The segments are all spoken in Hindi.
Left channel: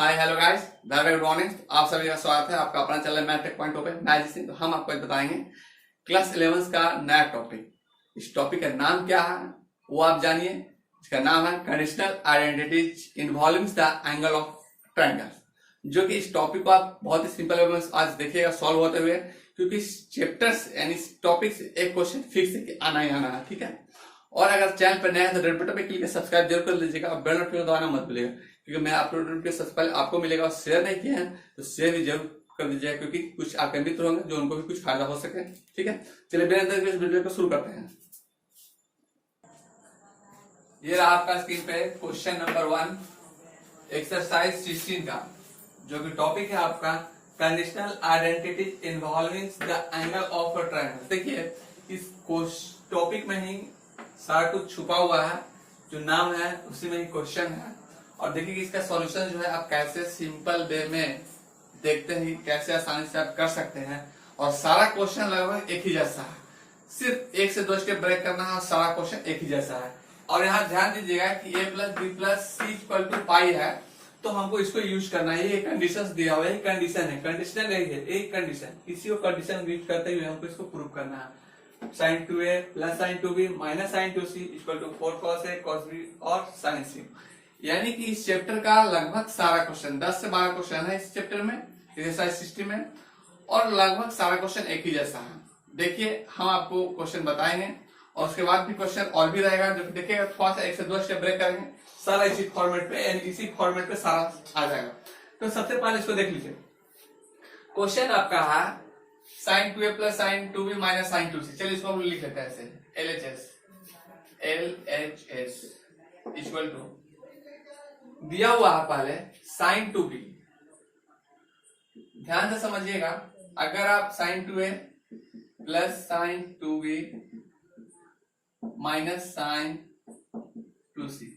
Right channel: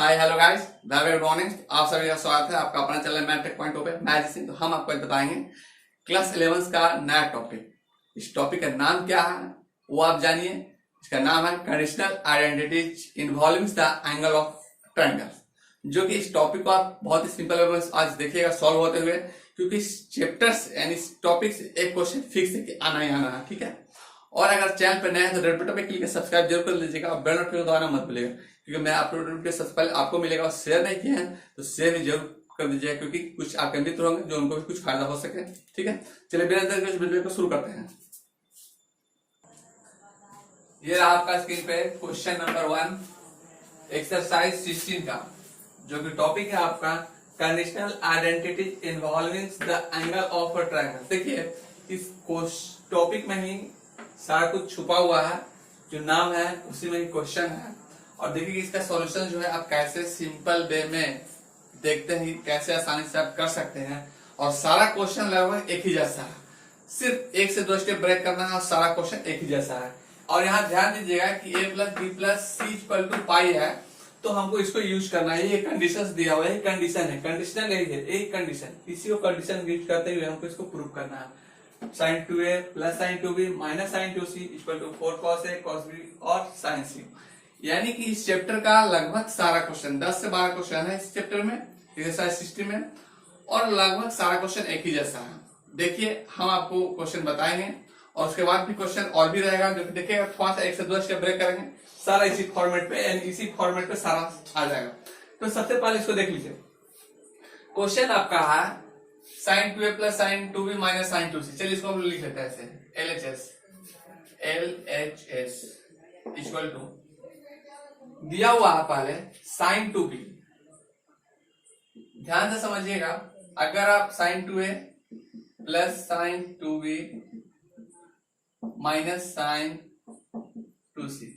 Hi hello guys, very good morning. आप सभी का स्वागत है आपका अपना चैनल मैथ टेक पॉइंट पे। मैं जिसे तो हम आपको बताएंगे क्लास 11 का नया टॉपिक। इस टॉपिक का नाम क्या है वो आप जानिए। इसका नाम है conditional identities involving the angle of triangle, जो कि इस टॉपिक को आप बहुत ही सिंपल वे में आज देखिएगा सॉल्व होते हुए, क्योंकि इस चैप्टर्स यानी इस टॉपिक से एक क्वेश्चन फिक्स है कि आना ही आना है। ठीक है, और अगर चैनल पर नया है तो रेड बटन पे क्लिक सब्सक्राइब जरूर कर लीजिएगा और बेल नोटिफिकेशन दबाना मत भूलिएगा, क्योंकि मैं अपलोड वीडियो सबसे पहले आपको मिलेगा। और शेयर नहीं किया है तो शेयर भी जरूर कर दीजिएगा, क्योंकि कुछ आपके मित्र होंगे जो उनको भी कुछ फायदा हो सके। ठीक है, चलिए बिना देर के इस वीडियो को शुरू करते हैं। ये रहा आपका स्क्रीन पे क्वेश्चन नंबर 1 एक्सरसाइज 16 का, जो कि टॉपिक है आपका conditional identity involving the angle of a triangle. देखिए इस टॉपिक में ही सारा कुछ छुपा हुआ है, जो नाम है उसी में ही क्वेश्चन है। और देखिए कि इसका सॉल्यूशन जो है आप कैसे सिंपल वे में देखते ही कैसे आसानी से आप कर सकते हैं। और सारा क्वेश्चन लगभग एक ही जैसा है, सिर्फ 1 से 2 स्टेप ब्रेक करना है और सारा क्वेश्चन एक ही जैसा है। और यहाँ ध्यान दीजिएगा कि a plus B plus C equal to pi है, तो हमको इसको यूज करना है। ये कंडीशन दिया हुआ है, कंडीशन है, कंडीशनल यही है, एक कंडीशन, इसी को कंडीशन यूज करते हुए हमको इसको प्रूव करना है। sin 2a plus sin 2b minus sin 2c equal to 4 cos a cos b और sin c। यानी कि इस चैप्टर का लगभग सारा क्वेश्चन 10 से 12 क्वेश्चन है इस चैप्टर में, एक्सरसाइज 60 में, और लगभग सारा क्वेश्चन एक ही जैसा है। देखिए हम आपको क्वेश्चन बताएंगे और उसके बाद भी क्वेश्चन और भी रहेगा, जो कि देखिएगा थोड़ा सा 1 से 2 स्टेप ब्रेक करेंगे, सारा इसी फॉर्मेट पे यानी इसी फॉर्मेट पे सारा आ जाएगा। तो सबसे पहले इसको देख लीजिए। क्वेश्चन आपका है sin 2a plus sin 2b minus sin 2c। चलिए इसको हम लिख लेते हैं ऐसे, LHS इक्वल टू दिया हुआ है पहले sin 2b। ध्यान से समझिएगा, अगर आप sin 2a plus sin 2b minus sin 2c,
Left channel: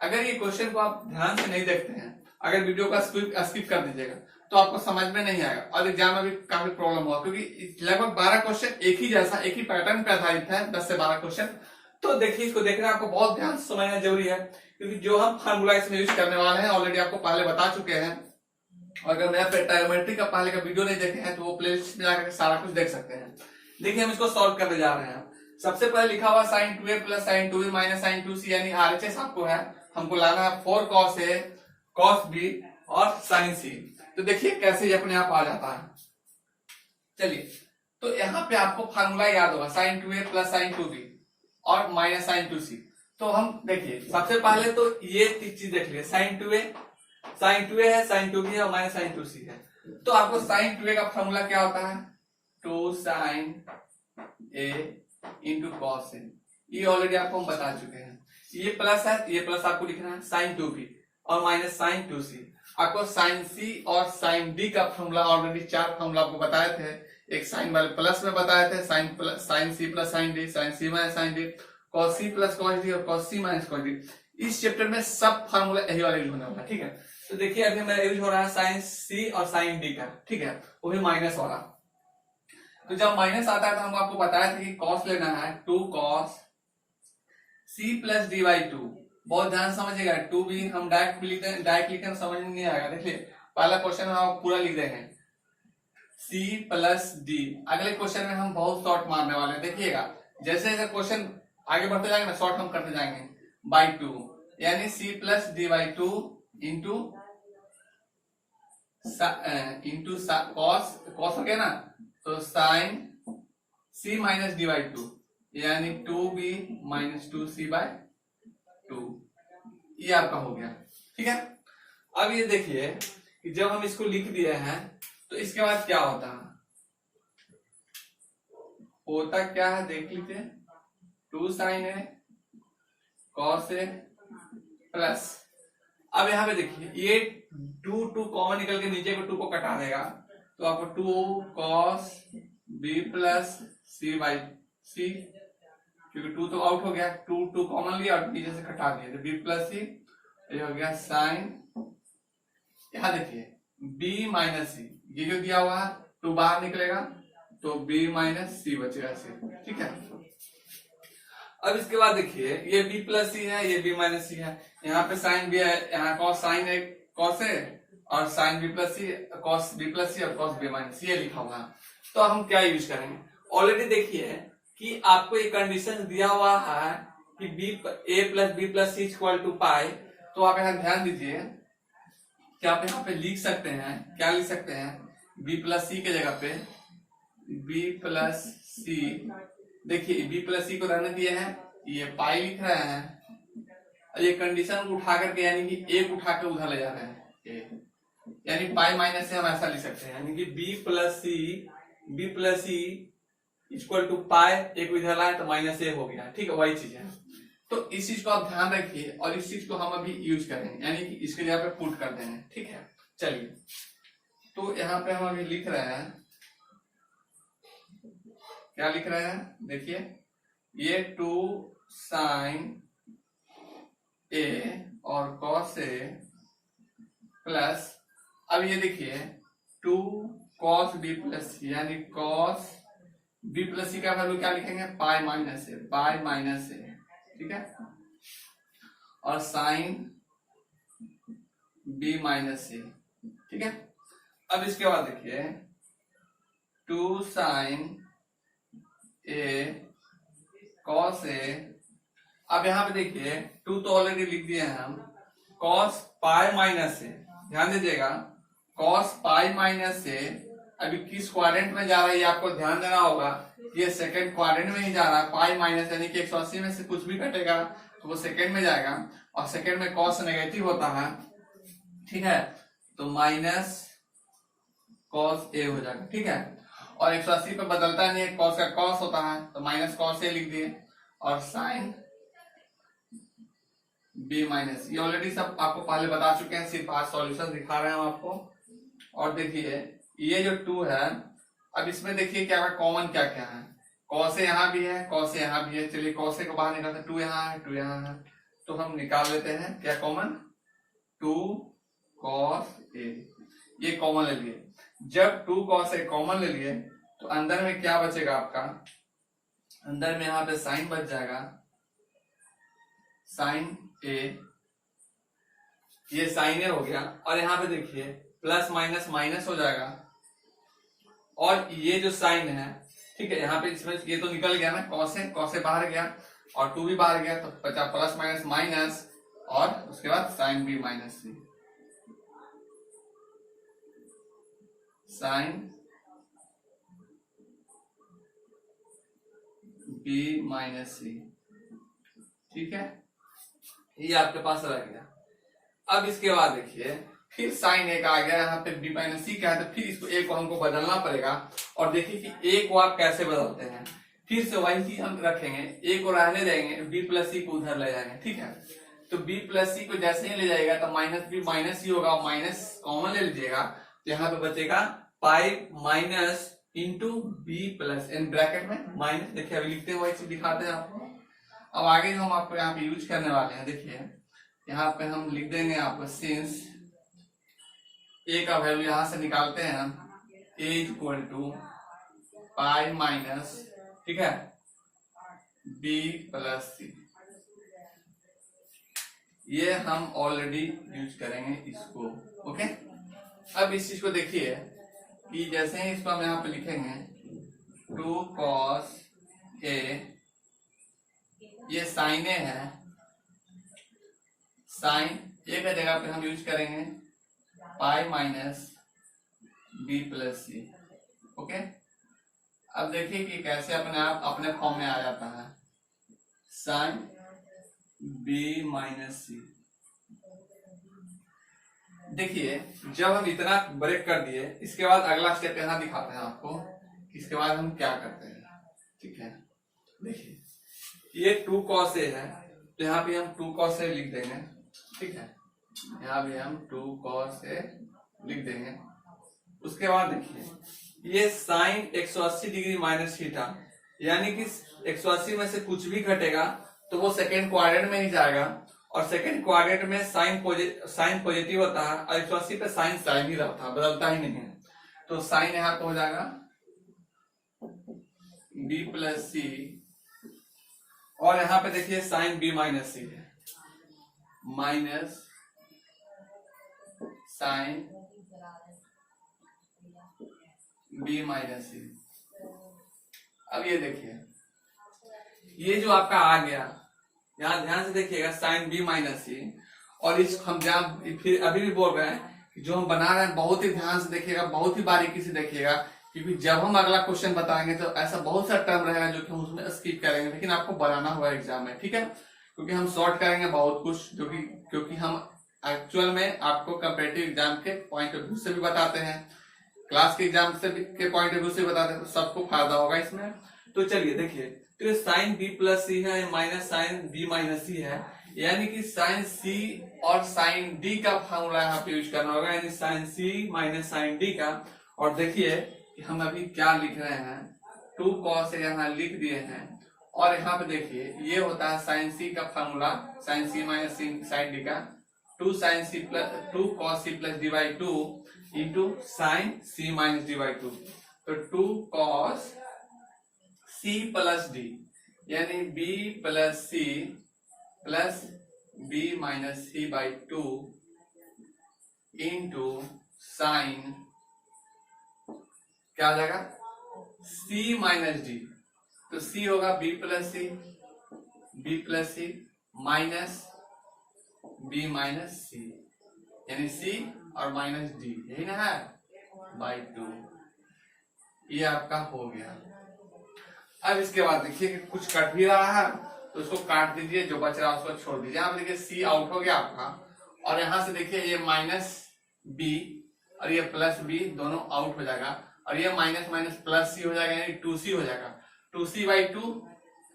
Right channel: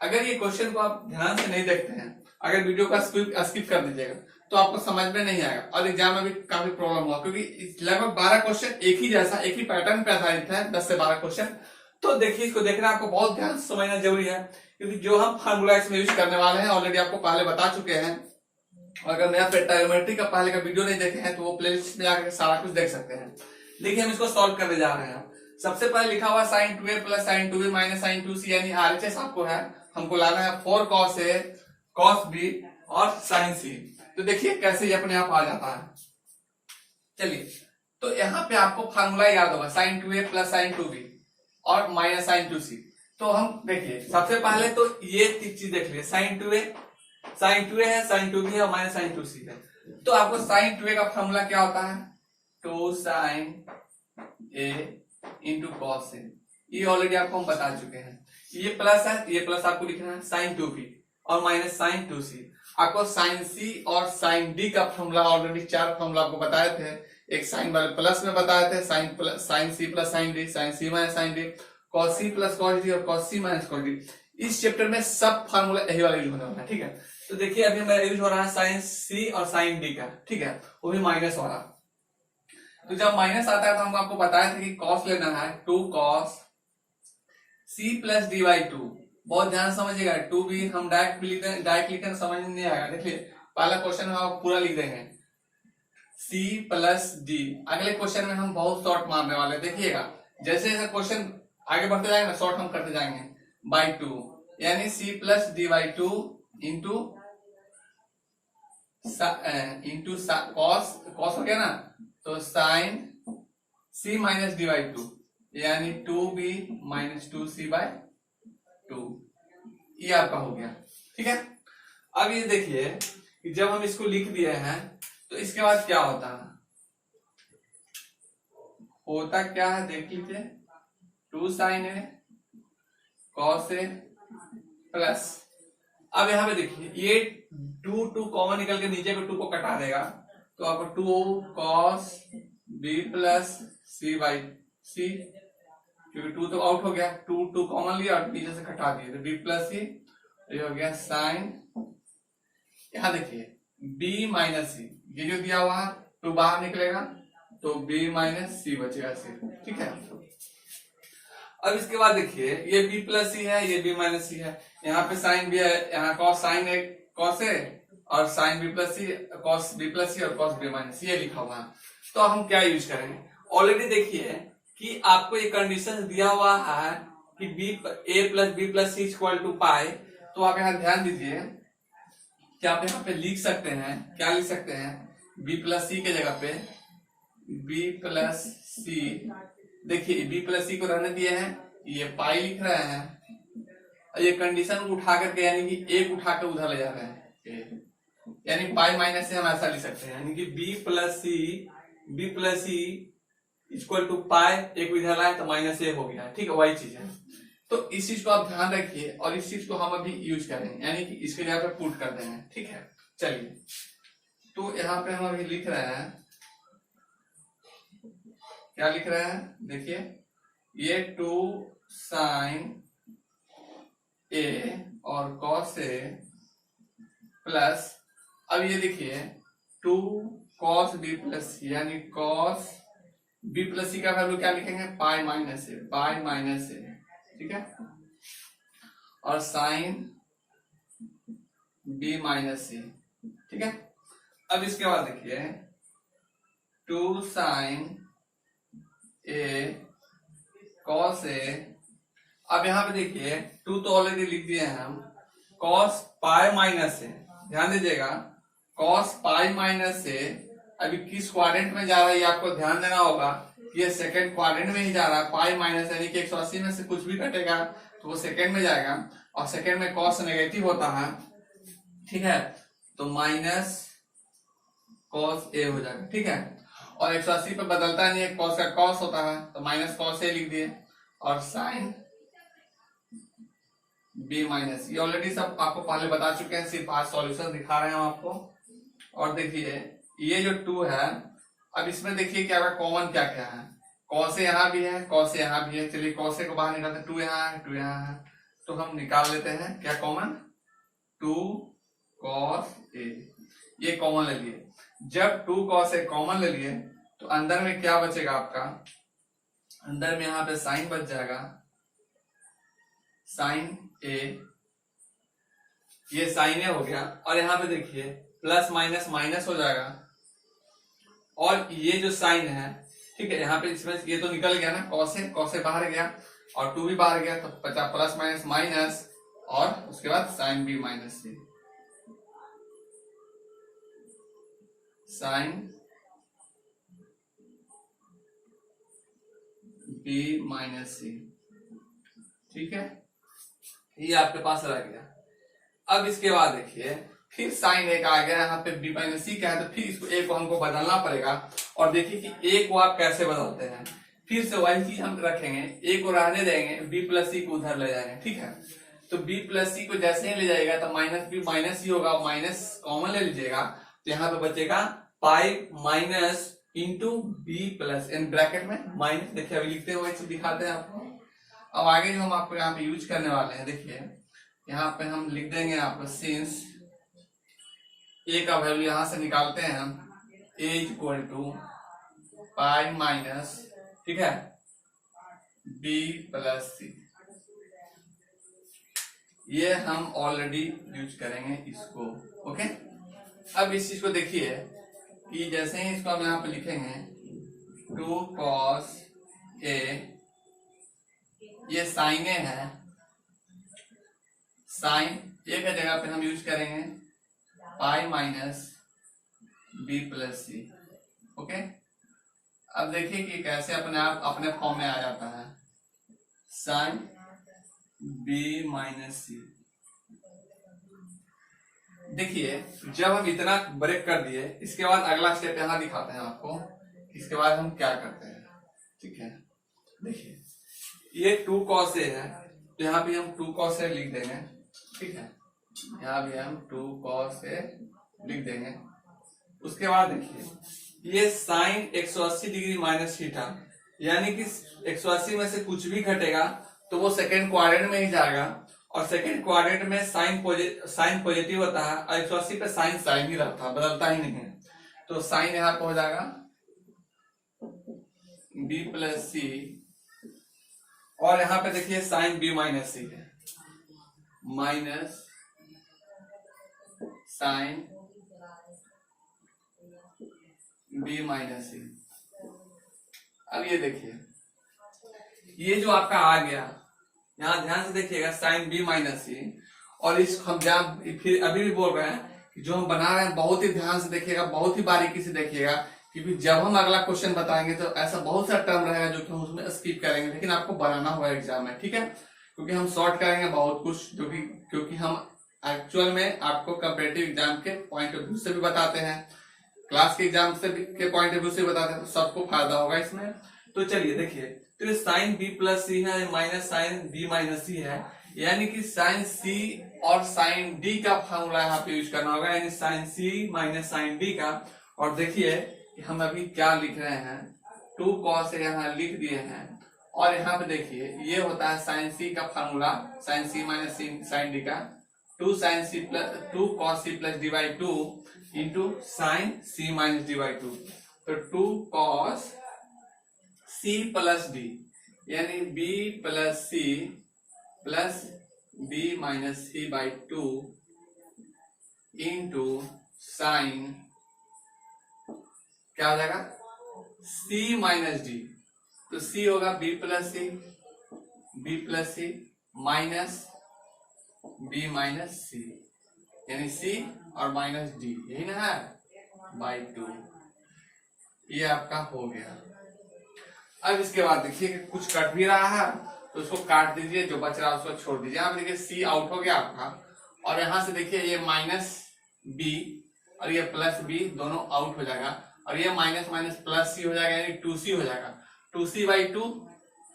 अगर ये क्वेश्चन को आप ध्यान से नहीं देखते हैं, अगर वीडियो का स्किप कर दीजिएगा तो आपको समझ में नहीं आएगा और एग्जाम में भी काफी प्रॉब्लम हुआ, क्योंकि लगभग 12 क्वेश्चन एक ही जैसा, एक ही पैटर्न पे आधारित है, 10 से 12 क्वेश्चन। तो देखिए इसको देखना आपको बहुत ध्यान से समझना जरूरी है, क्योंकि जो हम फार्मूला इसमें यूज करने वाले हैं ऑलरेडी आपको पहले बता चुके हैं। और अगर मैथ ट्रायगोनोमेट्री का पहले का वीडियो नहीं देखे हैं तो वो प्लेलिस्ट में जाकर सारा कुछ देख सकते हैं। देखिए हम इसको सॉल्व करने जा रहे हैं। सबसे पहले लिखा हुआ sin 2a plus sin 2b minus sin 2c, यानी RHS आपको है, हमको लाना है 4 cos a cos b और sin c। तो देखिए कैसे ये अपने आप आ जाता है। चलिए तो यहाँ पे आपको फार्मूला याद होगा sin 2a plus sin 2b और माइनस sin 2c। तो हम देखिए सबसे पहले तो ये चीज देख लिए, sin 2a है, sin 2b है और माइनस sin 2c है। तो आपको sin 2a का फार्मूला क्या होता है, 2 sin a into cos a। ये ऑलरेडी आपको हम बता चुके हैं। ये प्लस है, ये प्लस आपको लिखना है sin 2b और माइनस sin 2c। आपको sin c और sin d का फॉर्मूला ऑलरेडी 4 फॉर्मूला आपको बताए थे। एक साइन वाले प्लस में बताए थे, sin c plus sin d, sin c minus sin d, cos c plus cos d और cos c minus cos d। इस चैप्टर में सब फॉर्मूला यही वाला यूज होने वाला है। ठीक है, तो देखिए अभी मेरा यूज हो रहा है sin c और sin d का। ठीक है, वो भी माइनस हो रहा। तो जब माइनस आता है तो हम आपको बताया था कि cos लेना है 2 cos c plus d by 2। बहुत ध्यान समझिएगा, 2b हम डायरेक्ट लिखने समझ में नहीं आएगा। देखिए पहला क्वेश्चन में हम पूरा लिख रहे हैं c प्लस d। अगले क्वेश्चन में हम बहुत शॉर्ट मारने वाले, देखिएगा जैसे जैसे क्वेश्चन आगे बढ़ते जाएंगे ना शॉर्ट हम करते जाएंगे, बाई 2, यानी c plus d by 2 into cos हो गया ना, तो sine c minus d by 2 यानी 2b माइनस 2c बाई 2। ये आपका हो गया। ठीक है, अब ये देखिए कि जब हम इसको लिख दिए हैं तो इसके बाद क्या होता क्या है देख लीजिए, 2 sin a cos a plus, अब यहाँ पे देखिए ये 2 कॉमन निकल के नीचे पे 2 को कटा देगा, तो आपको 2 cos b plus c by c, क्योंकि 2 तो आउट हो गया, 2 कॉमन लिया और नीचे से कटा दिया, तो b प्लस c। ये हो गया साइन, यहाँ देखिए b माइनस c, ये जो दिया हुआ है 2 बाहर निकलेगा तो b माइनस c बचेगा c। ठीक है, अब इसके बाद देखिए ये b प्लस c है, ये b माइनस c है, यहाँ पे साइन भी है, यहाँ कॉस साइन है, कॉस है और साइन बी प्लस सी, कॉस बी प्लस सी और कॉस बी माइनस सी, ये लिखा हुआ है। तो हम क्या यूज करेंगे, ऑलरेडी देखिए कि आपको ये कंडीशन दिया हुआ है कि B A plus B plus C equal to pi. तो आप यहाँ ध्यान दीजिए कि आप यहाँ पे लिख सकते हैं, क्या लिख सकते हैं, बी प्लस सी के जगह पे बी प्लस सी, देखिए बी प्लस सी को रहने दिए हैं, ये पाई लिख रहे हैं, और ये कंडीशन को उठा करके यानी कि ए को उठा कर उधर ले जा रहे हैं, ए यानी पाई माइनस से हम ऐसा लिख सकते हैं, यानी कि B plus C equal to pi, A को इधर लाए तो माइनस ए हो गया, ठीक है, वही चीज है। तो इस चीज को आप ध्यान रखिए और इस चीज को हम अभी यूज करेंगे, यानी कि इसके जगह पे पुट कर देंगे, ठीक है। चलिए, तो यहाँ पे हम अभी लिख रहे हैं, क्या लिख रहे हैं, देखिए ये 2 साइन ए और कॉस ए प्लस, अब ये देखिए 2 कॉस बी प्लस सी, यानी कॉस बी प्लस सी का वैल्यू क्या लिखेंगे, पाई माइनस ए, ठीक है, और साइन बी माइनस सी, ठीक है। अब इसके बाद देखिए 2 साइन ए कॉस ए, अब यहाँ पे देखिए 2 तो ऑलरेडी लिख दिए हैं हम, कॉस पाई माइनस से, ध्यान दीजिएगा कॉस पाई माइनस से अभी किस क्वाड्रेंट में जा रहा है ये आपको ध्यान देना होगा, ये सेकंड क्वाड्रेंट में ही जा रहा है, पाई माइनस यानी कि 180 में से कुछ भी कटेगा तो वो सेकंड में जाएगा, और सेकंड में कॉस नेगेटिव होता है, ठीक है, तो माइनस कॉस ए हो जाएगा, ठीक है, और 180 पे बदलता नहीं है, कॉस का कॉस होता है तो माइनस कॉस ए लिख दिए, और साइन बी माइनस, ये ऑलरेडी सब आपको पहले बता चुके हैं, सिर्फ आज सॉल्यूशन दिखा रहे हैं हम आपको। और देखिए ये जो 2 है, अब इसमें देखिए क्या कॉमन क्या क्या है, कॉस ए यहाँ भी है, कॉस ए यहाँ भी है, चलिए कॉस ए को बाहर निकालते हैं, 2 यहाँ है, 2 यहाँ है, तो हम निकाल लेते हैं क्या कॉमन, 2 कॉस ए, ये कॉमन ले लिए। जब 2 कॉस ए कॉमन ले लिए तो अंदर में क्या बचेगा आपका, अंदर में यहाँ पे साइन बच जाएगा, साइन ए, ये साइन ए हो गया, और यहाँ पे देखिए प्लस माइनस माइनस हो जाएगा, और ये जो साइन है, ठीक है, यहाँ पे इसमें ये तो निकल गया ना, कॉस से बाहर गया और 2 भी बाहर गया, तो बचा प्लस माइनस माइनस, और उसके बाद साइन बी माइनस सी, साइन बी माइनस सी, ठीक है, ये आपके पास रह गया। अब इसके बाद देखिए फिर साइन ए का आ गया, यहाँ पे बी माइनस सी का है, तो फिर इसको ए को हमको बदलना पड़ेगा, और देखिए कि ए को आप कैसे बदलते हैं, फिर से वही चीज हम रखेंगे, ए को रहने देंगे, बी प्लस सी को उधर ले जाएंगे, ठीक है, तो बी प्लस सी को जैसे ही ले जाएगा तो माइनस बी माइनस सी होगा, माइनस कॉमन ले लीजिएगा, तो यहाँ पे बचेगा pi minus into B plus, in bracket में माइनस, देखिए अभी लिखते हैं वही चीज दिखाते हैं आपको। अब आगे जो हम आपको यहाँ पे यूज करने वाले हैं, देखिए यहाँ पे हम लिख देंगे आपको, सिंस ए का वैल्यू यहां से निकालते हैं हम, ए इक्वल टू पाई माइनस, ठीक है, बी प्लस सी, ये हम ऑलरेडी यूज करेंगे इसको, ओके। अब इस चीज को देखिए कि जैसे ही इसको हम यहाँ पे लिखेंगे 2 कॉस ए, ये साइन ए है, साइन ए का जगह पे हम यूज करेंगे पाई minus B plus C, okay. अब देखिए कि कैसे अपने आप अपने फॉर्म में आ जाता है, साइन बी माइनस सी। देखिए जब हम इतना ब्रेक कर दिए, इसके बाद अगला स्टेप यहाँ दिखाते हैं आपको, इसके बाद हम क्या करते हैं, ठीक है। देखिए ये 2 कॉस ए है, तो यहाँ पे हम 2 कॉस ए लिख देंगे, ठीक है, यहाँ भी हम 2 कॉस ए लिख देंगे। उसके बाद देखिए ये साइन 180 डिग्री माइनस थीटा, यानी कि 180 में से कुछ भी घटेगा तो वो सेकेंड क्वाड्रेंट में ही जाएगा, और सेकेंड क्वाड्रेंट में साइन पॉजिटिव होता है, और 180 पे साइन साइन ही रहता है, बदलता ही नहीं है, तो साइन यहाँ पे हो जाएगा बी प्लस सी, और यहाँ पे देखिए साइन बी माइनस सी है, माइनस साइन बी माइनस सी। अब ये देखिए, ये जो आपका आ गया, यहाँ ध्यान से देखिएगा, साइन बी माइनस सी। और इस हम जहाँ फिर अभी भी बोल रहे हैं कि जो हम बना रहे हैं बहुत ही ध्यान से देखिएगा, बहुत ही बारीकी से देखिएगा, क्योंकि जब हम अगला क्वेश्चन बताएंगे तो ऐसा बहुत सा टर्म रहेगा जो कि हम उसमें स्किप करेंगे, लेकिन आपको बनाना होगा एग्जाम में, ठीक है। क्योंकि हम शॉर्ट करेंगे बहुत कुछ, जो कि क्योंकि हम एक्चुअल में आपको कंपेटिटिव एग्जाम के पॉइंट ऑफ व्यू से भी बताते हैं, क्लास के एग्जाम से भी के पॉइंट ऑफ व्यू से बताते हैं, तो सबको फायदा होगा इसमें। तो चलिए देखिए, तो साइन बी प्लस सी है माइनस साइन बी माइनस सी है, यानी कि साइन सी और साइन डी का फॉर्मूला यहाँ पे यूज करना होगा, यानी sine C minus sine D का। और देखिए कि हम अभी क्या लिख रहे हैं, 2 cos यहाँ लिख दिए हैं। और यहाँ पे देखिए ये होता है साइन सी का formula, sine C minus sine D का, 2 cos C plus D by 2 into sine C minus D by 2। तो 2 cos सी प्लस डी, यानी B plus C plus B minus C by 2 into sine, क्या हो जाएगा, सी माइनस डी। तो सी होगा B plus C minus B minus C, यानी सी और माइनस डी, यही ना है, बाई 2। ये आपका हो गया। अब इसके बाद देखिए कि कुछ कट भी रहा है तो उसको काट दीजिए, जो बच रहा है उसको छोड़ दीजिए। यहाँ पे देखिए सी आउट हो गया आपका, और यहाँ से देखिए ये माइनस बी और ये प्लस बी दोनों आउट हो जाएगा, और ये माइनस माइनस प्लस सी हो जाएगा, यानी 2c हो जाएगा। 2c बाई 2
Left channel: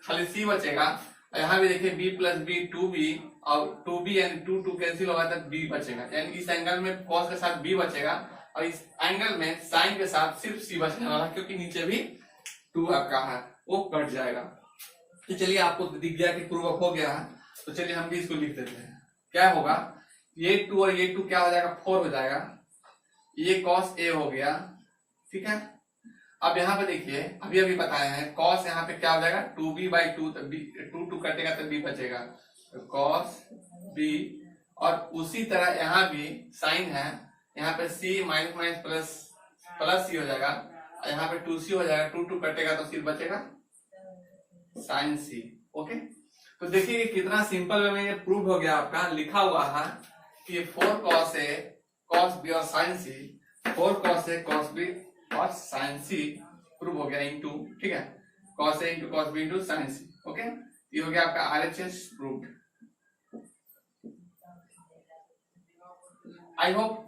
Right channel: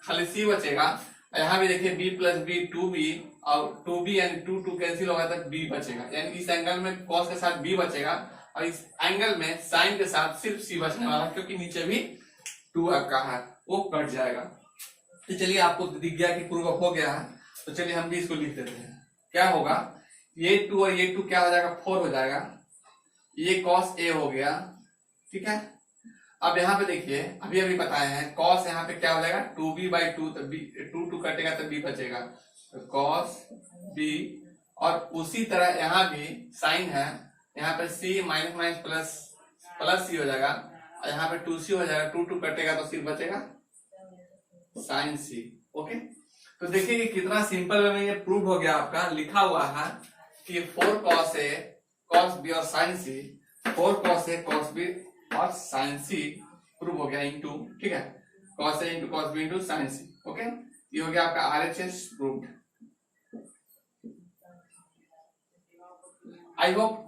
खाली c बचेगा। और यहाँ भी देखिए b प्लस बी 2b, और 2b यानी 2 कैंसिल होगा तक b बचेगा, यानी इस एंगल में cos के साथ b बचेगा, और इस एंगल में साइन के साथ सिर्फ c बचने वाला, क्योंकि नीचे भी 2 आपका है, वो कट जाएगा। तो चलिए, आपको दिख गया कि प्रूव अप हो गया है, तो चलिए हम भी इसको लिख देते हैं। क्या होगा, ये 2 और ये 2 क्या हो जाएगा, 4 हो जाएगा। ये cos a हो गया, ठीक है। अब यहाँ पे देखिए अभी अभी बताए हैं, cos यहाँ पे क्या हो जाएगा, 2b बाई 2, तो टू कटेगा तो b बचेगा, तो cos b। और उसी तरह यहाँ भी साइन है, यहाँ पे c minus minus plus c हो जाएगा, और यहाँ पे 2c हो जाएगा, 2 कटेगा तो सिर्फ बचेगा साइन c। ओके, तो देखिए कितना सिंपल वे में ये प्रूव हो गया आपका। लिखा हुआ है कि 4 cos a cos b और sine c, 4 cos a cos b और साइन c प्रूव हो गया इंटू, ठीक है, cos a into cos b into sine c। Okay, ये हो गया आपका RHS प्रूव्ड। आई होप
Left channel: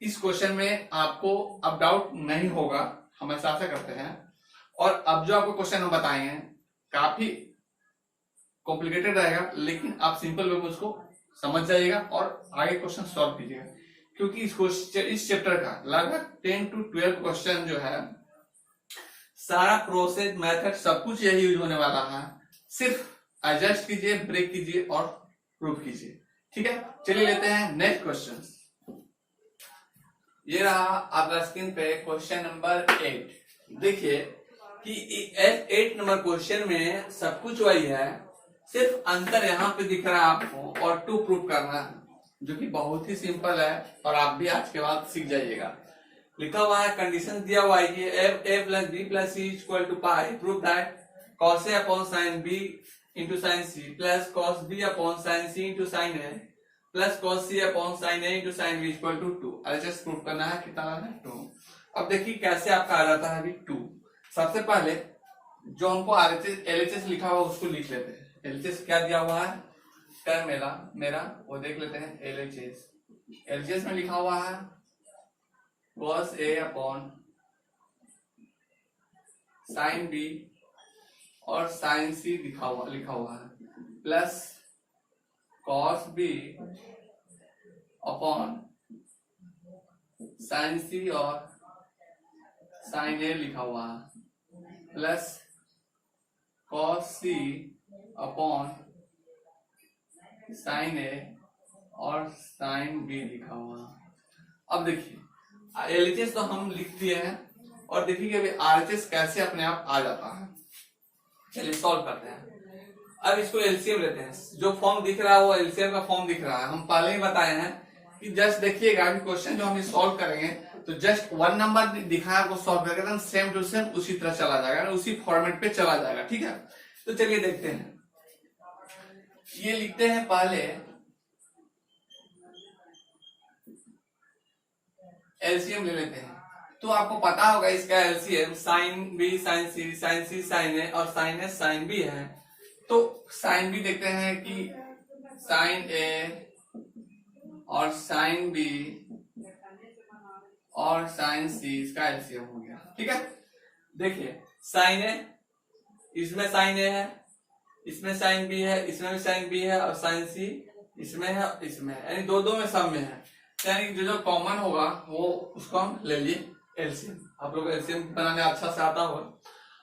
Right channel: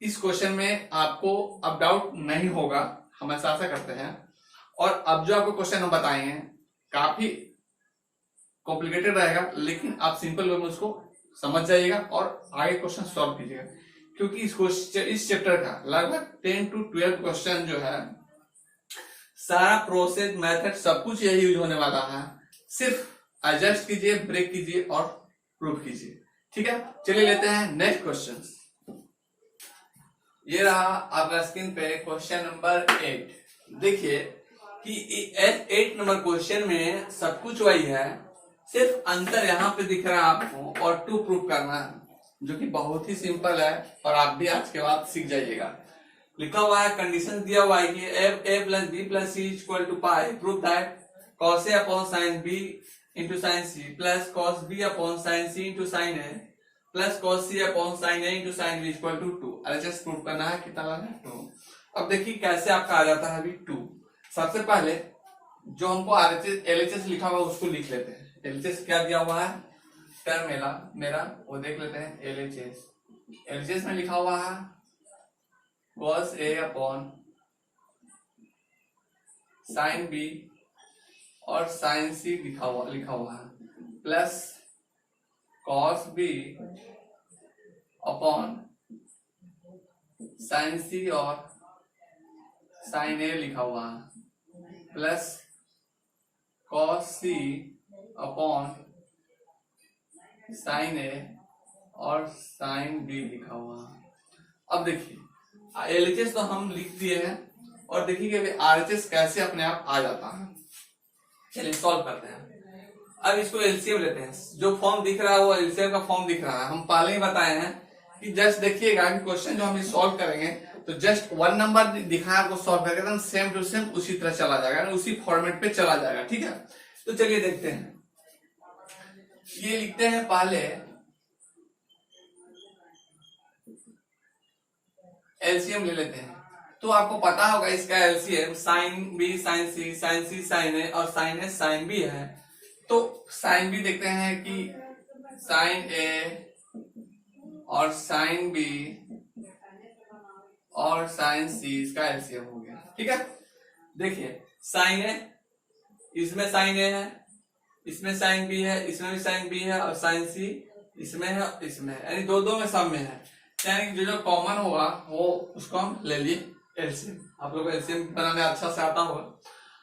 इस क्वेश्चन में आपको अब डाउट नहीं होगा, हम ऐसा आशा करते हैं। और अब जो आपको क्वेश्चन हम बताएंगे काफी कॉम्प्लिकेटेड रहेगा, लेकिन आप सिंपल वे में उसको समझ जाइएगा और आगे क्वेश्चन सॉल्व कीजिएगा, क्योंकि इस चैप्टर का लगभग 10 to 12 क्वेश्चन जो है, सारा प्रोसेस मेथड सब कुछ यही यूज होने वाला है। सिर्फ एडजस्ट कीजिए, ब्रेक कीजिए और प्रूव कीजिए, ठीक है। चलिए लेते हैं नेक्स्ट क्वेश्चन। ये रहा आपका स्क्रीन पे क्वेश्चन नंबर 8। देखिए कि 8 नंबर क्वेश्चन में सब कुछ वही है, सिर्फ अंतर यहाँ पे दिख रहा है आपको, और 2 प्रूव करना है, जो कि बहुत ही सिंपल है, और आप भी आज के बाद सीख जाइएगा। लिखा हुआ है, कंडीशन दिया हुआ है कि a plus B plus C equal to pi, prove that cos a upon sine b into sine c plus cos b upon sine c into sine a plus cos c upon sine a into sine b equal to 2। RHS prove करना है, कितना है 2। अब देखिए कैसे आपका आ जाता है अभी 2। सबसे पहले जो हमको LHS लिखा हुआ उसको लिख लेते हैं। LHS क्या दिया हुआ है, टर्म मेरा वो देख लेते हैं। LHS में लिखा हुआ है cos a upon sine b और साइन c लिखा हुआ है, plus cos b upon sine c और साइन a लिखा हुआ है, plus cos c upon sine a और साइन b लिखा हुआ है। अब देखिए LHS तो हम लिख दिए हैं, और देखिए कि अभी RHS कैसे अपने आप आ जाता है। चलिए सॉल्व करते हैं। अब इसको LCM लेते हैं। जो फॉर्म दिख रहा है वो LCM का फॉर्म दिख रहा है। हम पहले ही बताए हैं कि जस्ट देखिएगा कि क्वेश्चन जो हम सॉल्व करेंगे तो जस्ट 1 नंबर दिखाया आपको सॉल्व करके एकदम सेम टू सेम उसी तरह चला जाएगा, उसी फॉर्मेट पे चला जाएगा। ठीक है, तो चलिए देखते हैं। ये लिखते हैं पहले एलसीएम ले लेते हैं। तो आपको पता होगा इसका एलसीएम साइन बी साइन सी साइन ए और साइन ए साइन बी है। तो साइन बी देखते हैं कि साइन ए और साइन बी और साइन सी इसका एलसीएम हो गया। ठीक है, देखिए साइन ए, इसमें साइन ए है, इसमें साइन बी है, इसमें भी साइन बी है और साइन सी इसमें है, इसमें है, यानी दो में सब में है, यानी जो कॉमन होगा वो उसको हम ले लिए एलसीएम। आप लोग एलसीएम बनाने अच्छा से आता होगा।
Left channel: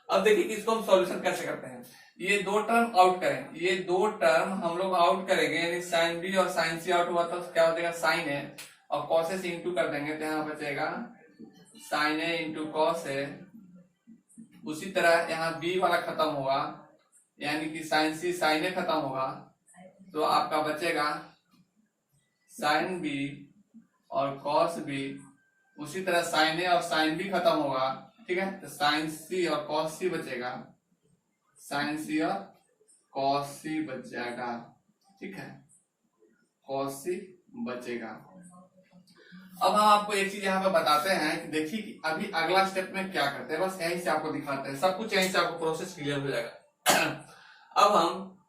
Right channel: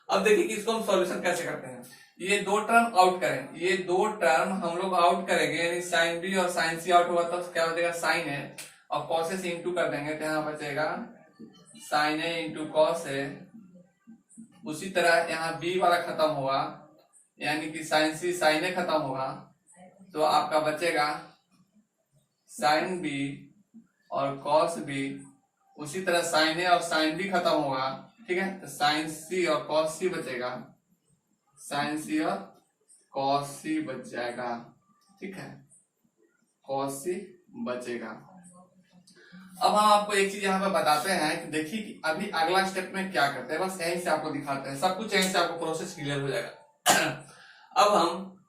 अब देखिए कि इसको हम सॉल्यूशन कैसे करते हैं। ये दो टर्म आउट करें, ये दो टर्म हम लोग आउट करेंगे, यानी साइन बी और साइन सी आउट हुआ तो क्या हो जाएगा साइन ए, और कॉस ए से इंटू कर देंगे तो यहाँ बचेगा sign A into cos A. उसी तरह यहाँ बी वाला खत्म होगा, यानी कि साइन सी साइन ए खत्म होगा तो आपका बचेगा साइन बी और कॉस बी। उसी तरह साइन ए और साइन बी खत्म होगा। ठीक है, तो साइन सी और कॉस सी बचेगा, साइन सी और कॉस सी बच जाएगा। ठीक है, कॉस सी बचेगा। अब हम आपको एक चीज यहाँ पे बताते हैं कि देखिए कि अभी अगला स्टेप में क्या करते हैं, बस यहीं से आपको दिखाते हैं, सब कुछ यहीं से आपको प्रोसेस क्लियर हो जाएगा। अब हम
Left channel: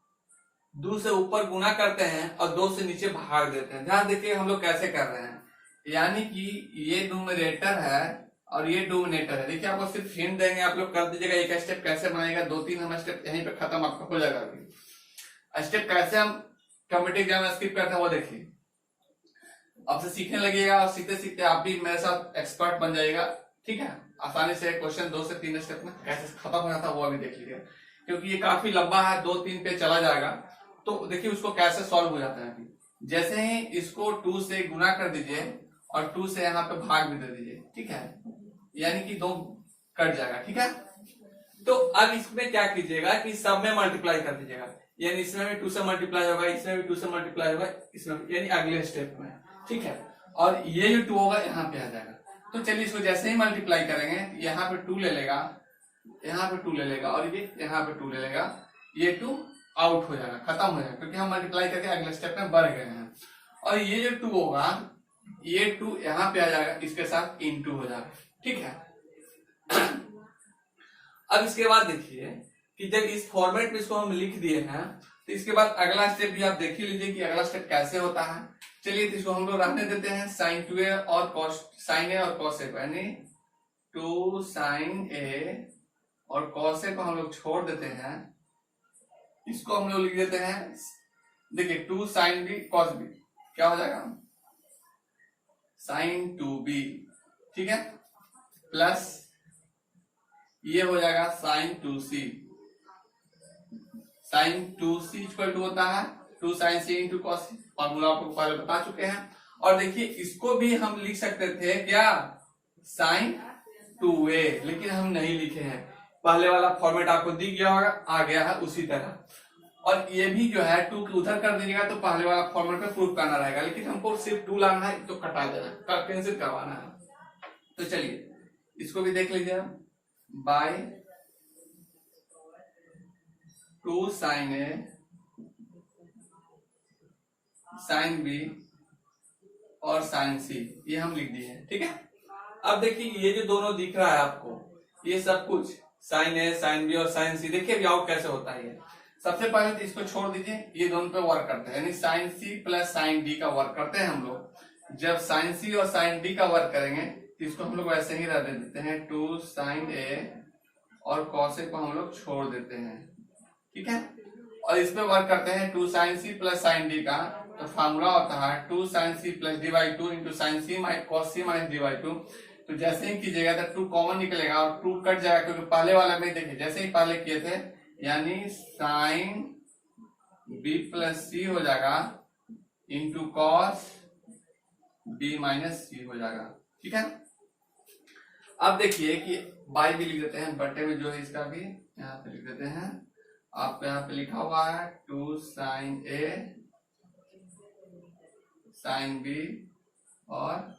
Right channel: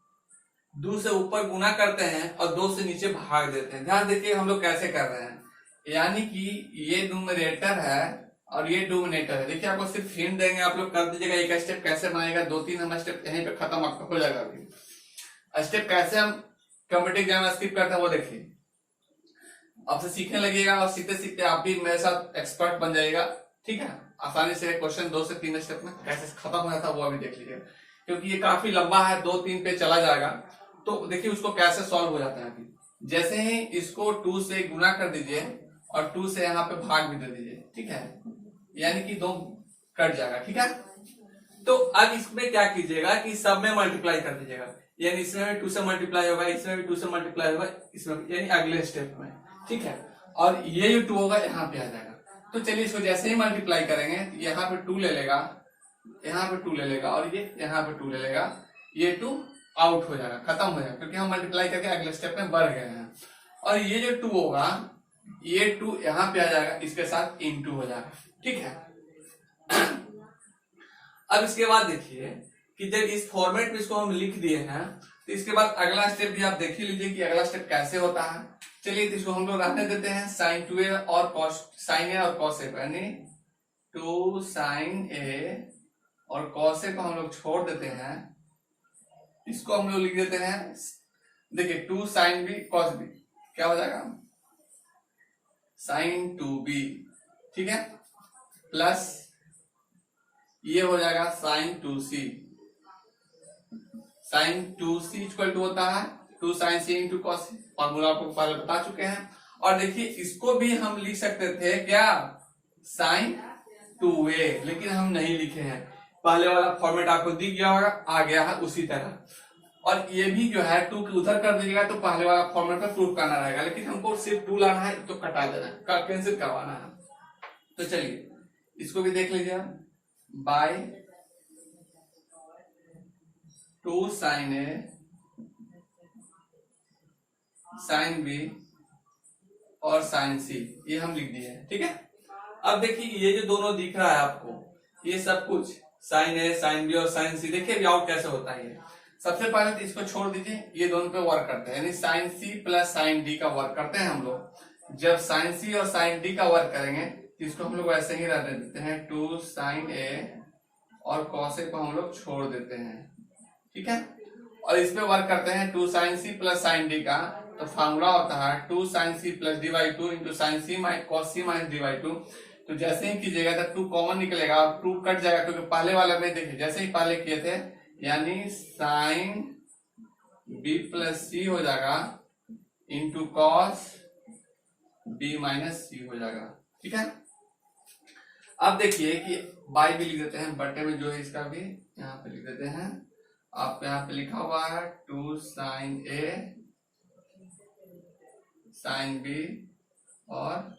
2 से ऊपर गुना करते हैं और 2 से नीचे भाग देते हैं। ध्यान देखिए हम लोग कैसे कर रहे हैं, यानी कि ये न्यूमरेटर है और ये डिनोमिनेटर है। देखिए आपको सिर्फ हिंट देंगे, आप लोग कर दीजिएगा एक स्टेप कैसे बनाएगा, 2-3 हम स्टेप यहीं पे खत्म आपका हो जाएगा। अभी स्टेप कैसे हम कॉम्पिटिटिव एग्जाम में स्किप करते हैं वो देखिए, आपसे सीखने लगेगा और सीखते सीखते आप भी मेरे साथ एक्सपर्ट बन जाएगा। ठीक है, आसानी से क्वेश्चन 2 से 3 स्टेप में कैसे खत्म हो जाता है वो अभी देख लीजिए, क्योंकि ये काफी लंबा है, 2-3 पे चला जाएगा। तो देखिए उसको कैसे सॉल्व हो जाता है। अभी जैसे ही इसको 2 से गुना कर दीजिए और 2 से यहाँ पे भाग भी दे दीजिए। ठीक है, यानी कि 2 कट जाएगा। ठीक है, तो अब इसमें क्या कीजिएगा कि सब में मल्टीप्लाई कर दीजिएगा, यानी इसमें भी 2 से मल्टीप्लाई होगा, इसमें भी 2 से मल्टीप्लाई होगा, इसमें यानी अगले स्टेप में। ठीक है, और ये जो 2 होगा यहाँ पे आ जाएगा। तो चलिए इसको जैसे ही मल्टीप्लाई करेंगे यहाँ पे 2 ले लेगा, यहाँ पे 2 ले लेगा और ये यहाँ पे 2 ले लेगा, ये 2 आउट हो जाएगा, खत्म हो जाएगा, क्योंकि हम मल्टीप्लाई करके अगले स्टेप में बढ़ गए हैं। और ये जो 2 होगा ये 2 यहाँ पे आ जाएगा, इसके साथ इनटू हो जाएगा। ठीक है, अब इसके बाद देखिए कि जब इस फॉर्मेट में इसको हम लिख दिए हैं तो इसके बाद अगला स्टेप भी आप देख ही लीजिए कि अगला स्टेप कैसे होता है। चलिए तो इसको हम लोग रखने देते हैं साइन 2a और कॉस साइन ए और कॉस ए, यानी 2 साइन ए और कॉस ए को हम लोग छोड़ देते हैं, इसको हम लोग लिख देते हैं, देखिए 2 साइन बी कॉस बी क्या हो जाएगा साइन 2b। ठीक है, प्लस ये हो जाएगा sign 2c, sign 2c equal to होता है 2 साइन सी इंटू कॉस सी, फॉर्मूला आपको पहले बता चुके हैं। और देखिए इसको भी हम लिख सकते थे क्या साइन 2a, लेकिन हम नहीं लिखे हैं, पहले वाला फॉर्मेट आपको दिख गया होगा, आ गया है उसी तरह। और ये भी जो है 2 की उधर कर दीजिएगा तो पहले वाला फॉर्मेट में प्रूफ करना रहेगा, लेकिन हमको सिर्फ 2 लाना है तो कटा देना, कैंसिल करवाना है। तो चलिए इसको भी देख लीजिए, बाय 2 साइन ए साइन बी और साइन सी ये हम लिख दिए हैं। ठीक है, अब देखिए ये जो दोनों दिख रहा है आपको, ये सब कुछ साइन ए साइन बी और साइन सी, देखिए अभी आउट कैसे होता है। सबसे पहले तो इसको छोड़ दीजिए, ये दोनों पे वर्क करते हैं, यानी sine C plus sine D का वर्क करते हैं हम लोग। जब साइन सी और साइन डी का वर्क करेंगे तो इसको हम लोग ऐसे ही रख देते हैं 2 साइन ए और कॉस ए को हम लोग छोड़ देते हैं। ठीक है, और इसमें वर्क करते हैं 2 sine C plus sine D का, तो फॉर्मूला होता है 2 sine C plus D by 2 into sine C cos C minus D by 2। तो जैसे ही कीजिएगा तो 2 कॉमन निकलेगा और 2 कट जाएगा, क्योंकि पहले वाले में देखिए जैसे ही पहले किए थे, यानी साइन बी प्लस सी हो जाएगा इंटू कॉस बी माइनस सी हो जाएगा। ठीक है, अब देखिए कि बाई भी लिख देते हैं, बट्टे में जो है इसका भी यहाँ पे लिख देते हैं। आपको यहाँ पे लिखा हुआ है 2 साइन ए साइन बी और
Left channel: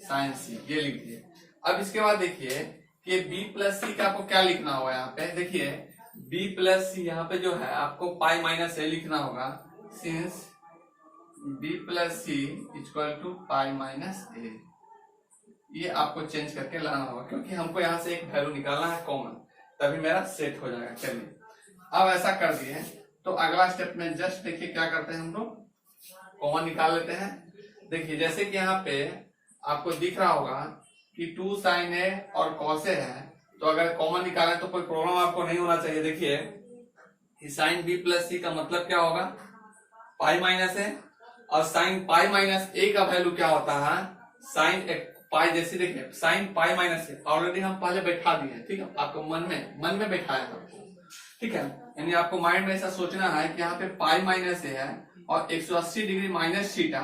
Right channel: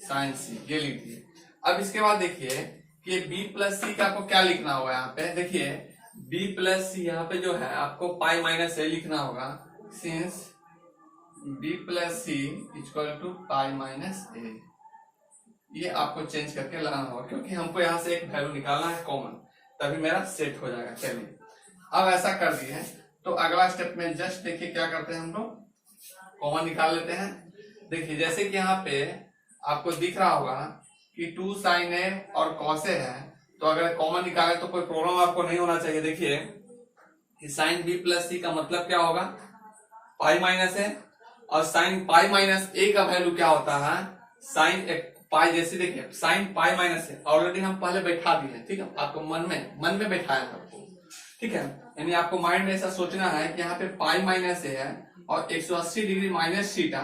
साइन सी, ये लिख दिए। अब इसके बाद देखिए कि बी प्लस सी का आपको क्या लिखना होगा। यहाँ पे देखिए बी प्लस सी, यहाँ पे जो है आपको पाई माइनस ए लिखना होगा, since B plus C equal to pi minus A. ये आपको चेंज करके लाना होगा क्योंकि हमको यहाँ से एक वैल्यू निकालना है कॉमन, तभी मेरा सेट हो जाएगा। चलिए अब ऐसा कर दिए तो अगला स्टेप में जस्ट देखिए क्या करते हैं, हम लोग कॉमन निकाल लेते हैं। देखिए जैसे कि यहाँ पे आपको दिख रहा होगा कि 2 sin ए और cos ए है, तो अगर कॉमन निकाले तो कोई प्रॉब्लम आपको नहीं होना चाहिए। देखिए साइन बी प्लस सी का मतलब क्या होगा, पाई माइनस ए, और साइन पाई माइनस ए का वैल्यू क्या होता है, साइन पाई। जैसे देखिए साइन पाई माइनस ए ऑलरेडी हम पहले बैठा दिए हैं, ठीक है, आपको मन में बैठाया आपको, ठीक है। यानी आपको माइंड में ऐसा सोचना है कि यहाँ पे पाई माइनस ए है और 180 डिग्री माइनस थीटा,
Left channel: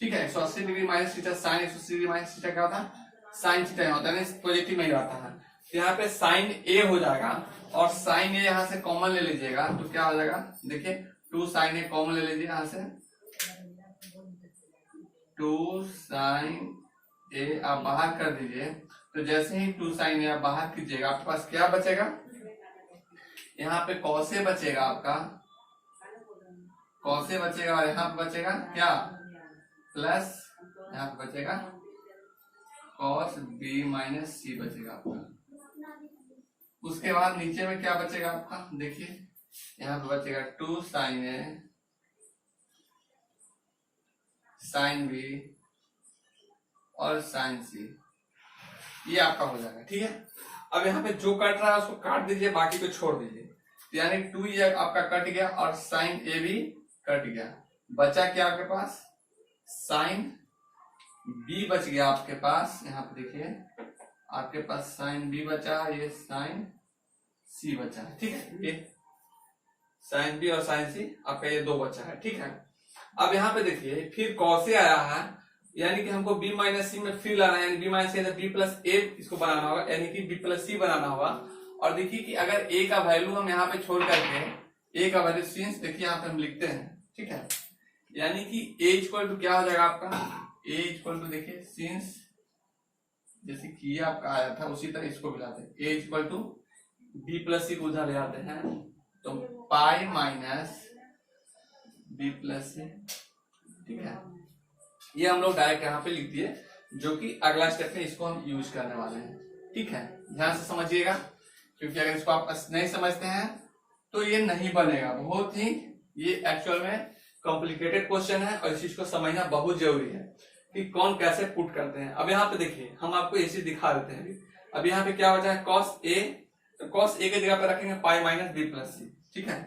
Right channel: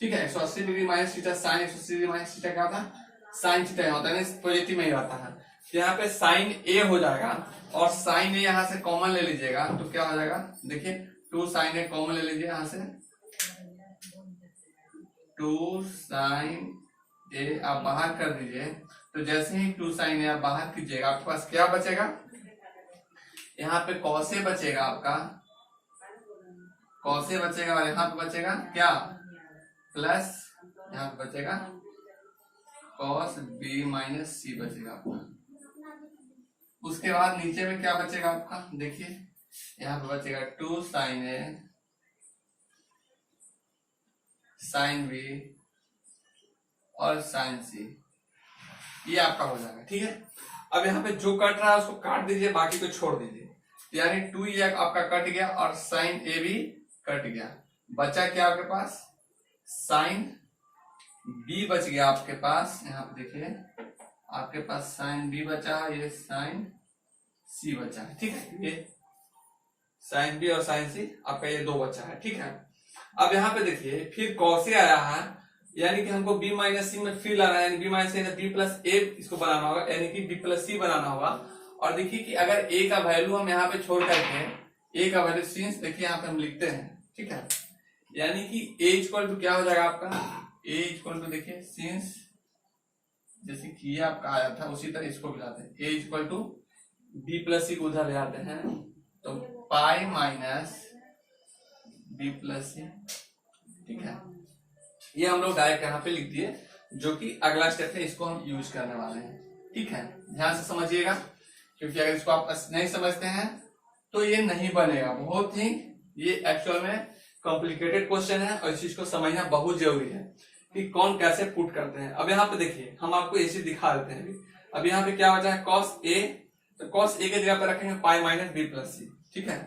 ठीक है, 180 degree minus theta, sine 180 degree minus theta क्या होता है, साइन थीटा होता है, पॉजिटिव में ही रहता है। तो यहाँ पे साइन ए हो जाएगा और साइन ए यहाँ से कॉमन ले लीजिएगा तो क्या हो जाएगा, देखिए 2 sin ए कॉमन ले लीजिए यहाँ से, 2 sin ए आप बाहर कर दीजिए। तो जैसे ही 2 sin ए आप बाहर कीजिएगा आपके पास क्या बचेगा, यहाँ पे cos ए बचेगा आपका, cos ए बचेगा और यहाँ पे बचेगा क्या, प्लस यहाँ पे बचेगा cos b माइनस सी बचेगा आपका। उसके बाद नीचे में क्या बचेगा आपका, देखिए यहाँ पे बचेगा 2 sin ए sin b और sin c, ये आपका हो जाएगा, ठीक है। अब यहाँ पे जो कट रहा है उसको काट दीजिए, बाकी को छोड़ दीजिए। यानी 2 ये आपका कट गया और sin a भी कट गया, बचा क्या आपके पास, sin b बच गया आपके पास। यहाँ पे देखिए आपके पास sin b बचा, ये sin c बचा है, ठीक है, ये sin b और sin c आपका ये 2 बचा है, ठीक है। अब यहाँ पे देखिए फिर cos ए आया है, यानी कि हमको b माइनस सी में फिर लाना है, यानी b माइनस सी b प्लस ए इसको बनाना होगा, यानी कि b प्लस सी बनाना होगा। और देखिए कि अगर a का वैल्यू हम यहाँ पे छोड़ करके a का वैल्यू सिंस, देखिए यहाँ पे हम लिखते हैं, ठीक है, यानी कि a इक्वल टू क्या हो जाएगा आपका, a इक्वल टू देखिए सिंस, जैसे कि ये आपका आया था उसी तरह इसको भी लाते हैं, a equal to b plus C को उधर ले जाते हैं, तो pi minus b plus C, ठीक है। ये हम लोग डायरेक्ट यहाँ पे लिख दिए, जो कि अगला स्टेप है, इसको हम यूज करने वाले हैं, ठीक है। ध्यान से समझिएगा क्योंकि अगर इसको आप नहीं समझते हैं तो ये नहीं बनेगा। बहुत ही ये एक्चुअल में कॉम्प्लिकेटेड क्वेश्चन है और इस चीज को समझना बहुत जरूरी है कि कौन कैसे पुट करते हैं। अब यहाँ पे देखिए हम आपको ये चीज दिखा देते हैं। अब यहाँ पे क्या बचा है, cos a, तो cos a के जगह पे रखेंगे पाई माइनस बी प्लस सी, ठीक है।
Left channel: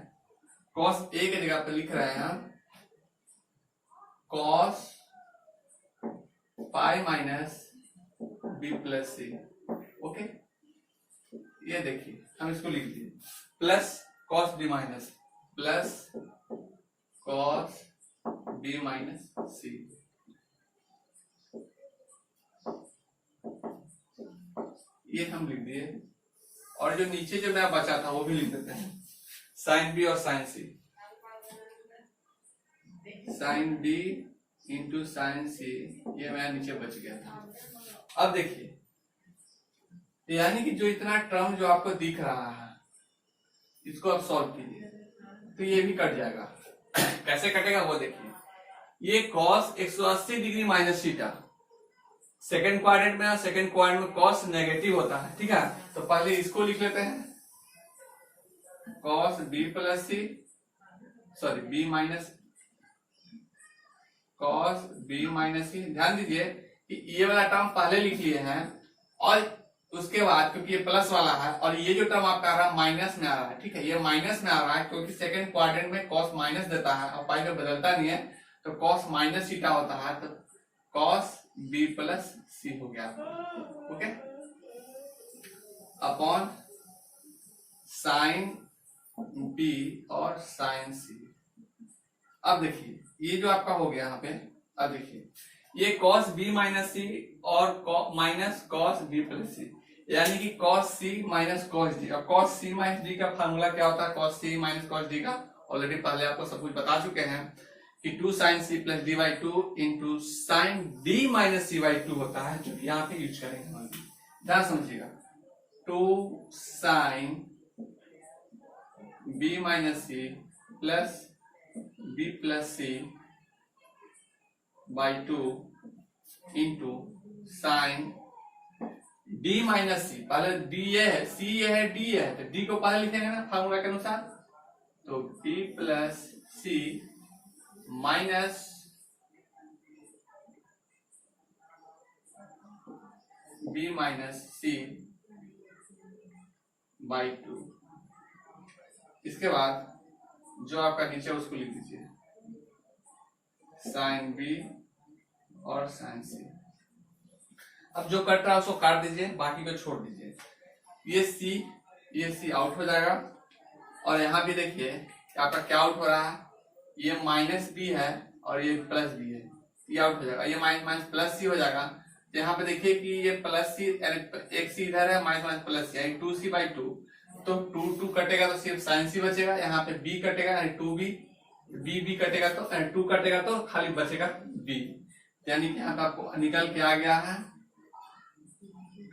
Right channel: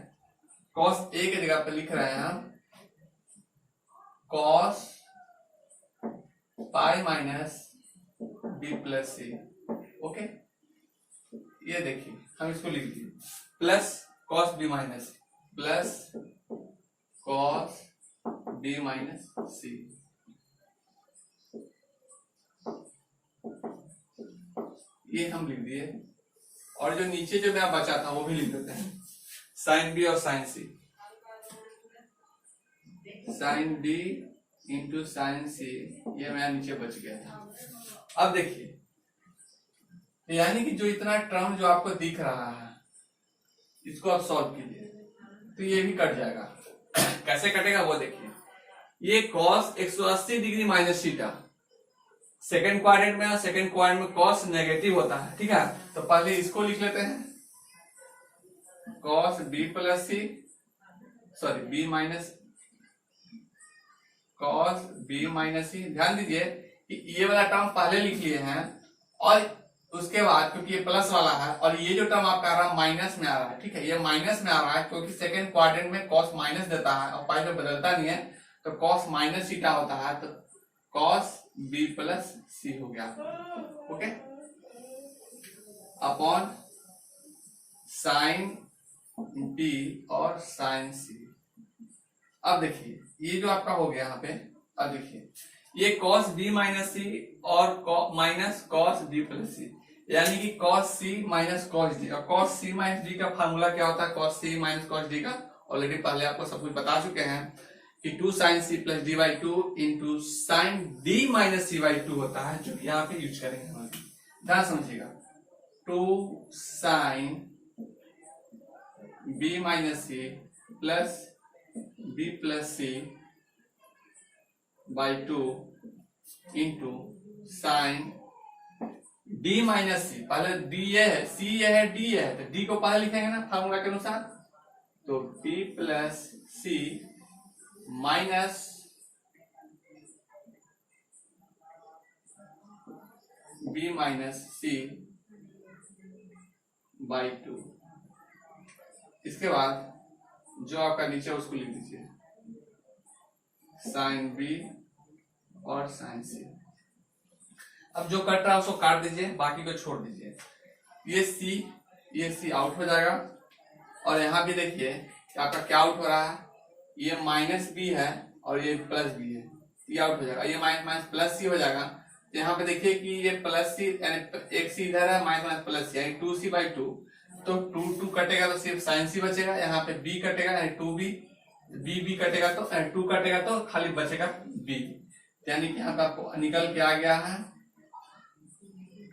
cos a के जगह पे लिख रहे हैं हम cos pi minus B plus C, okay. ये देखिए हम इसको लिख दिए plus cos b minus plus cos b minus C, ये हम लिख दिए। और जो नीचे जो नया बचा था वो भी लिख देते हैं, sin b और sin c, sin b into sin c, ये मेरा नीचे बच गया था। अब देखिए यानी कि जो इतना टर्म जो आपको दिख रहा है इसको आप सॉल्व कीजिए तो ये भी कट जाएगा। कैसे कटेगा वो देखिए, ये cos 180 degree minus theta second quadrant में, और सेकेंड क्वाड्रेंट में cos नेगेटिव होता है, ठीक है। तो पहले इसको लिख लेते हैं cos b plus C, sorry b minus cos b minus C. ध्यान दीजिए कि ये वाला टर्म पहले लिख लिए हैं और उसके बाद क्योंकि ये प्लस वाला है और ये जो टर्म आपका आ रहा है माइनस में आ रहा है, ठीक है, ये माइनस में आ रहा है क्योंकि सेकेंड क्वाड्रेंट में cos माइनस देता है और पाई में बदलता नहीं है, तो cos माइनस थीटा होता है, तो cos b प्लस सी हो गया, ओके, अपॉन साइन b और साइन c। अब देखिए ये जो आपका हो गया यहाँ पे, अब देखिए ये cos b माइनस सी और माइनस cos b प्लस सी, यानी कि cos c minus cos d। और cos c माइनस d का फार्मूला क्या होता है, cos c minus cos d का ऑलरेडी पहले आपको सब कुछ बता चुके हैं कि 2 sin c plus D by two into sine D minus C by two होता है, जो यहाँ पे यूज करेंगे हम। ध्यान समझिएगा, 2 sin b minus C plus b plus C by two into sine d minus C, पहले d ये है, c ये है, d ये है, तो d को पहले लिखेंगे ना फार्मूला के अनुसार, तो b plus C minus b minus C by two. इसके बाद जो आपका नीचे उसको लिख दीजिए, साइन b और साइन c। अब जो कट रहा है उसको काट दीजिए, बाकी को छोड़ दीजिए। ये c आउट हो जाएगा, और यहाँ भी देखिए आपका क्या आउट हो रहा है, ये माइनस बी है और ये प्लस बी है, ये आउट हो जाएगा। ये माइनस माइनस प्लस सी हो जाएगा, तो यहाँ पे देखिए कि ये प्लस सी यानी एक सी इधर है, माइनस माइनस प्लस सी यानी 2c बाई टू, तो 2 कटेगा तो सिर्फ साइन सी बचेगा। यहाँ पे b कटेगा यानी 2b, b कटेगा तो 2 कटेगा तो खाली बचेगा b, यानी कि यहाँ पे आपको निकल के आ गया है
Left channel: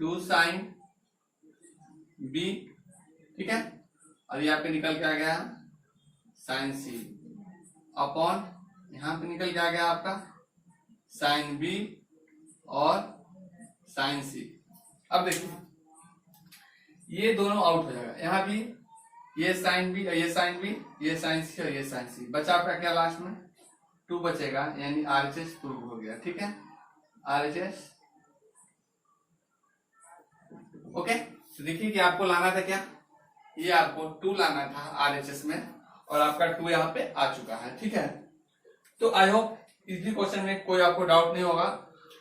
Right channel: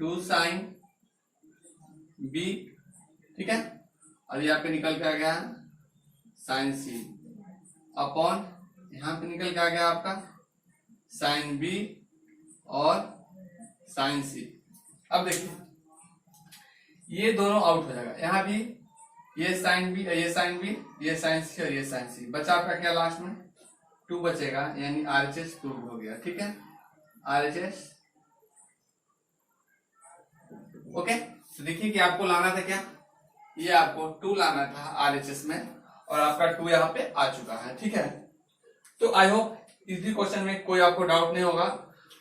2 साइन b, ठीक है, और यहाँ पे निकल के आ गया साइन सी अपॉन, यहाँ पे निकल के आ गया आपका साइन बी और साइन सी। अब देखिए ये दोनों आउट हो जाएगा, यहाँ भी ये साइन बी, ये साइन बी, ये साइन सी और ये साइन सी, बचा आपका क्या लास्ट में 2 बचेगा, यानी RHS प्रूव हो गया। ठीक है, RHS ओके। तो देखिए कि आपको लाना था क्या, ये आपको 2 लाना था RHS में, और आपका 2 यहाँ पे आ चुका है। ठीक है, तो आई होप इसी क्वेश्चन में कोई आपको डाउट नहीं होगा,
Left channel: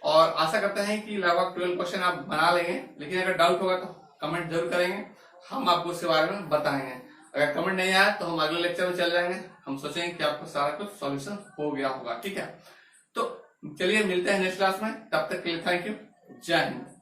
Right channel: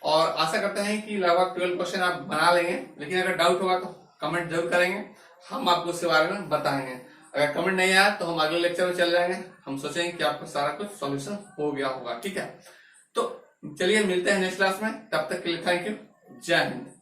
और आशा करते हैं कि लगभग 12 क्वेश्चन आप बना लेंगे। लेकिन अगर डाउट होगा तो कमेंट जरूर करेंगे, हम आपको उसके बारे में बताएंगे। अगर कमेंट नहीं आया तो हम अगले लेक्चर में चल जाएंगे, हम सोचेंगे कि आपको सारा कुछ सॉल्यूशन हो गया होगा। ठीक है, तो चलिए मिलते हैं नेक्स्ट क्लास में, तब तक के लिए थैंक यू, जय हिंद।